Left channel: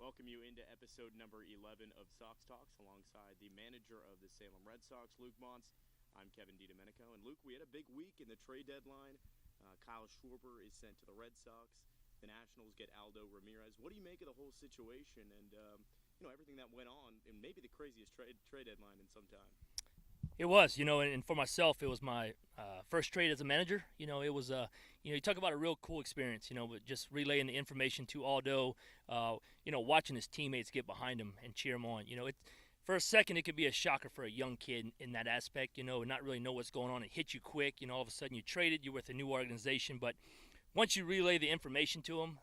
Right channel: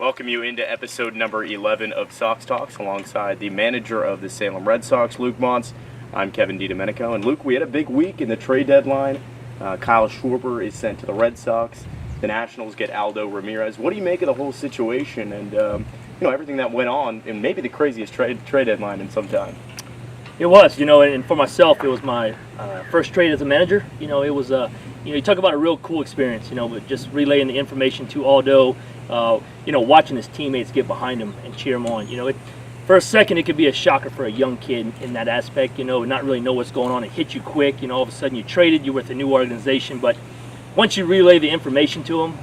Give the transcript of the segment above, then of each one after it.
welcome you into episode number 11 of Sox Talks alongside the manager of the Salem Red Sox, Luke Montz. I'm Kevin DiDomenico. And Luke, we had a big week in the trade deadline. Kyle Schwarber is sent to the Red Sox. The Nationals get Aldo Ramirez. What do you make of the whole situation and everything that went on, and maybe the craziest trade deadline in some time? It was, and for myself, it was my first trade as a manager. It was you talk about a real cool experience, but just relaying the information to Aldo, watching his teammates get behind him and cheer him on. For a second, it could be a shocker for a young kid in that aspect, not really know what's going on. It hit you quick, all of a sudden you traded, you're with a new organization. But once you relay the information to him,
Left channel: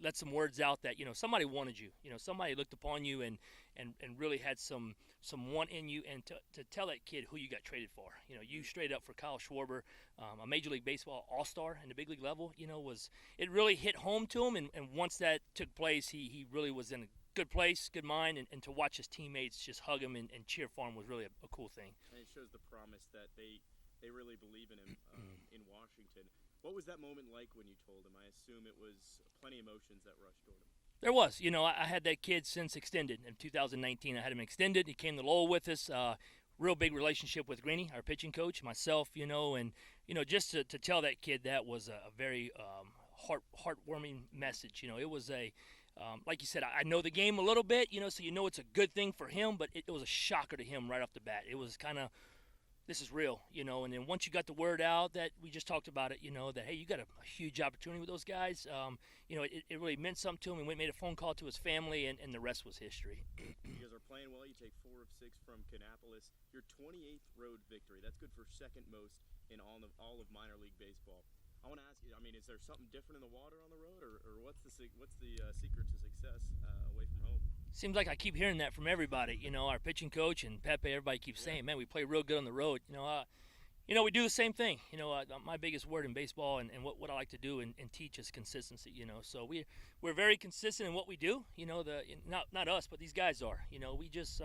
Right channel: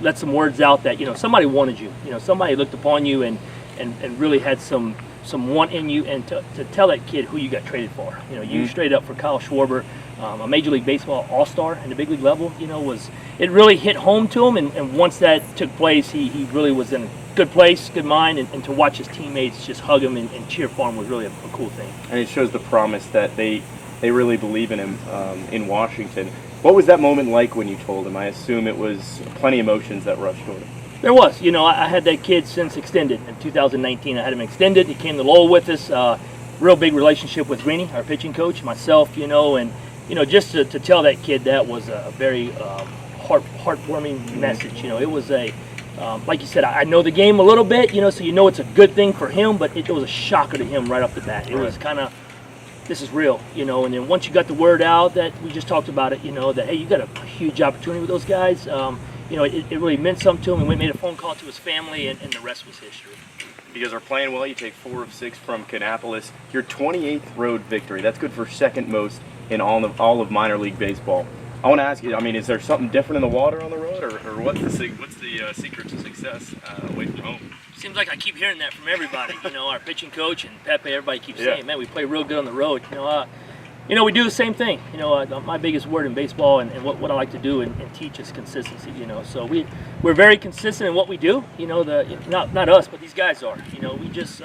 let some words out that, somebody wanted you, somebody looked upon you and really had some want in you, and to tell that kid who you got traded for. You straight up for Kyle Schwarber, a Major League Baseball all-star in the big league level, it really hit home to him, and once that took place, he really was in a good place, good mind, and to watch his teammates just hug him and cheer for him was really a cool thing. And it shows the promise that they really believe in him in Washington. What was that moment like when you told him? I assume it was plenty of emotions that rushed toward him. There was. I had that kid since extended. In 2019, I had him extended. He came to Lowell with us. Real big relationship with Greeny, our pitching coach, myself, and just to tell that kid that was a very heartwarming message. It was like you said, I know the game a little bit, so it's a good thing for him, but it was a shocker to him right off the bat. It was kind of, this is real, and then once you got the word out that we just talked about it, that, hey, you got a huge opportunity with those guys, it really meant something to him, and we made a phone call to his family, and the rest was history. You guys are playing well. You take 4 of 6 from Kannapolis. Your 28th road victory. That's good for second most in all of minor league baseball. I want to ask you, is there something different in the water on the road, or what's the secret to success away from home? Seems like I keep hearing that from everybody. Our pitching coach and Pepe, everybody keeps saying, man, we play real good on the road. We do the same thing. My biggest word in baseball and what I like to do and teach is consistency. So we're very consistent in what we do. Not us, but these guys are. We just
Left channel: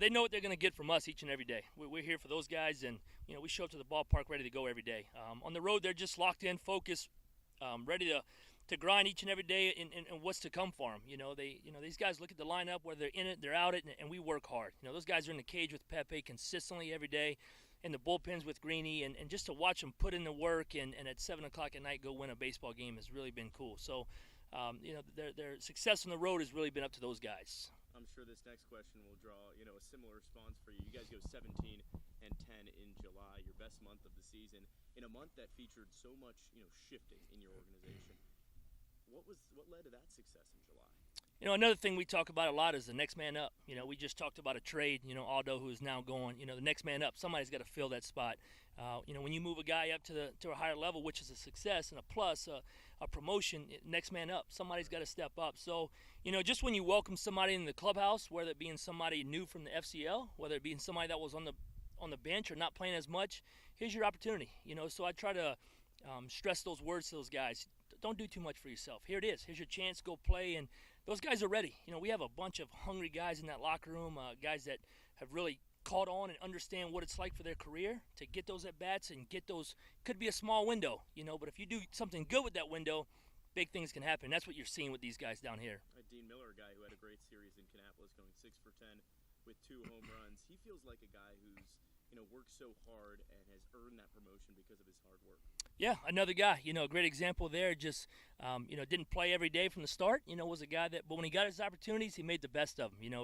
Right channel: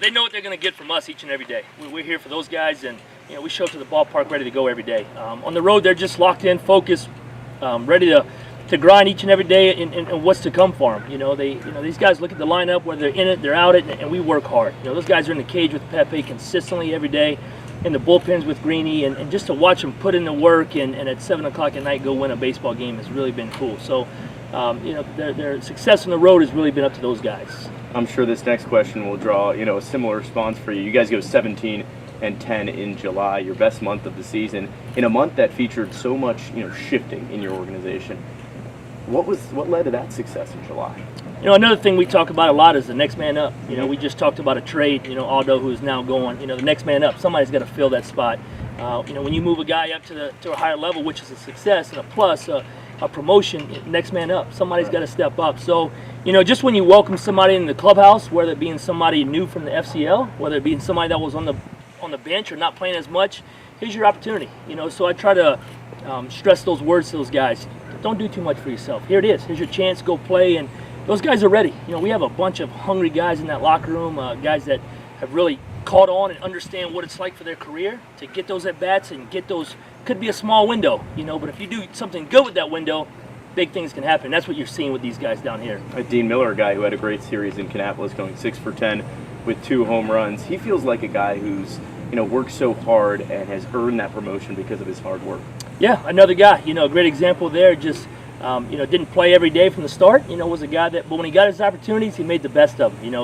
they know what they're going to get from us each and every day. We're here for those guys, and we show up to the ballpark ready to go every day. On the road, they're just locked in, focused, ready to grind each and every day and what's to come for them. These guys look at the lineup, whether they're in it, they're out it, and we work hard. Those guys are in the cage with Pepe consistently every day, in the bullpens with Greeny, and just to watch them put in the work and at 7 o'clock at night go win a baseball game has really been cool. So, their success on the road has really been up to those guys. I'm sure this next question will draw, a similar response for you. You guys go 17-10 in July, your best month of the season, in a month that featured so much, shifting in your organization. What led to that success in July? Another thing we talk about a lot is the next man up. We just talked about a trade, Aldo, who's now going, the next man up. Somebody's got to fill that spot. When you move a guy up to a higher level, which is a success and a plus, a promotion, next man up. Somebody's got to step up. So, just when you welcome somebody in the clubhouse, whether it being somebody new from the FCL, whether it being somebody that was on the bench or not playing as much, here's your opportunity. So I try to stress those words to those guys. Don't do too much for yourself. Here it is. Here's your chance. Go play. And those guys are ready. We have a bunch of hungry guys in that locker room, guys that have really caught on and understand what it's like for their career to get those at-bats and get those. Could be a small window, but if you do something good with that window, big things can happen. That's what you're seeing with these guys down here. Dean Miller, a guy who had a great series in Kannapolis, going 6 for 10 with 2 home runs. He feels like a guy who's worked so hard and has earned that promotion because of his hard work. Yeah, another guy. A great example there. Just didn't play every day from the start. Was a guy that, but when he got his opportunities, he made the best of them.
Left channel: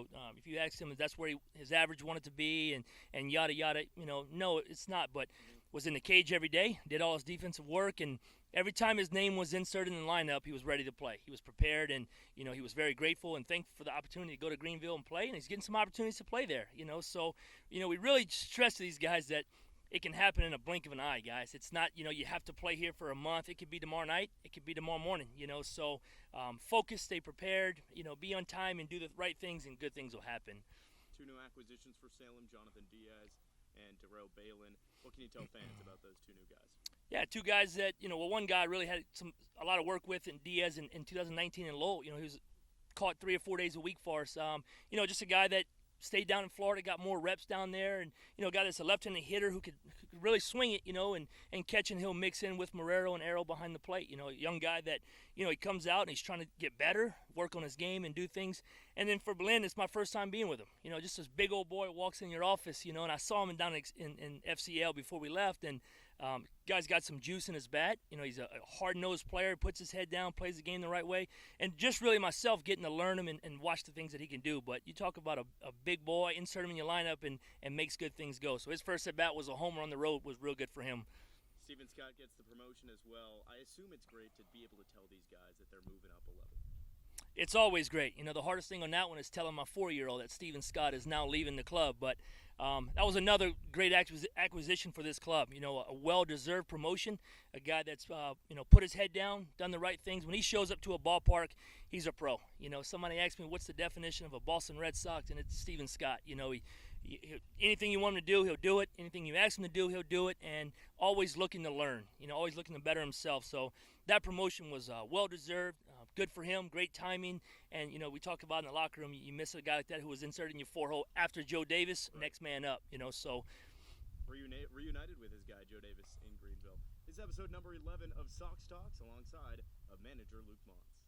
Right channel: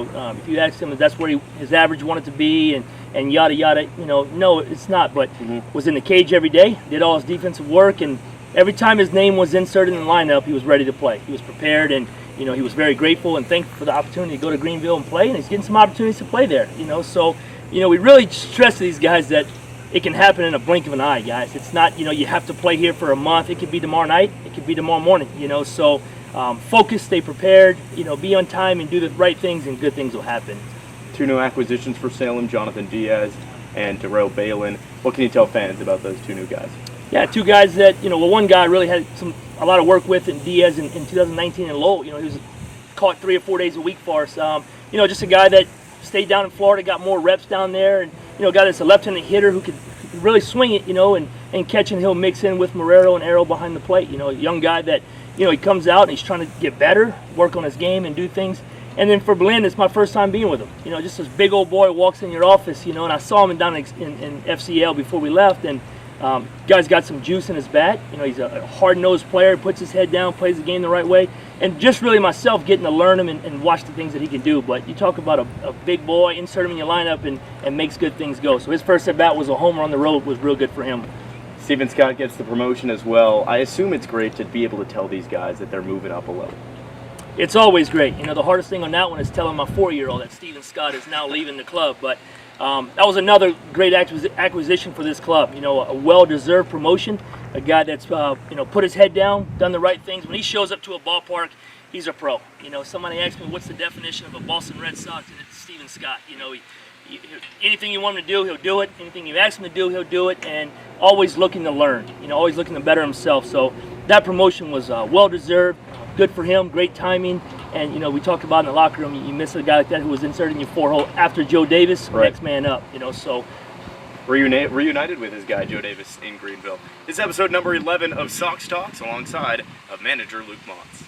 If you asked him if that's where his average wanted to be and yada yada, no, it's not. But was in the cage every day, did all his defensive work, and every time his name was inserted in the lineup, he was ready to play. He was prepared, and he was very grateful and thankful for the opportunity to go to Greenville and play, and he's getting some opportunities to play there. So we really stress to these guys that it can happen in a blink of an eye, guys. It's not, you have to play here for a month. It could be tomorrow night. It could be tomorrow morning, So focus, stay prepared, be on time and do the right things, and good things will happen. 2 new acquisitions for Salem, Jonathan Diaz and Darrell Balin. What can you tell fans about those 2 new guys? Yeah, 2 guys that, one guy I really had a lot of work with in Diaz in 2019 in Lowell. He was caught 3 or 4 days a week for us. Just a guy that stayed down in Florida, got more reps down there, and a guy that's a left-handed hitter who could really swing it, and catch, and he'll mix in with Marrero and Arrow behind the plate. A young guy that, he comes out and he's trying to get better, work on his game, and do things. And then for Blinn, it's my first time being with him. Just this big old boy walks in your office, and I saw him down in FCL before we left, and guy's got some juice in his bat. He's a hard-nosed player, puts his head down, plays the game the right way, and just really myself getting to learn him and watch the things that he can do. But you talk about a big boy, insert him in your lineup, and makes good things go. So his first at-bat was a homer on the road, was real good for him. Steven Scott gets the promotion as well. I assume it's great to be able to tell these guys that they're moving up a level. It's always great. The hardest thing on that one is telling my 4-year-old that Steven Scott is now leaving the club. But that was another great acquisition for this club. A well-deserved promotion. A guy that's put his head down, done the right things. When he shows up to a ballpark, he's a pro. Somebody asked me what's the definition of a Boston Red Sox, and it's Steven Scott. Anything you want him to do, he'll do it. Anything you ask him to do, he'll do it. And always looking to learn. Always looking to better himself. So that promotion was well-deserved. Good for him, great timing, and we talked about in the locker room. You miss a guy like that who was inserted in your 4-hole after Joe Davis, right. Next man up. So reunited with his guy Joe Davis in Greenville. This is episode number 11 of Sox Talks, alongside of manager Luke Montz.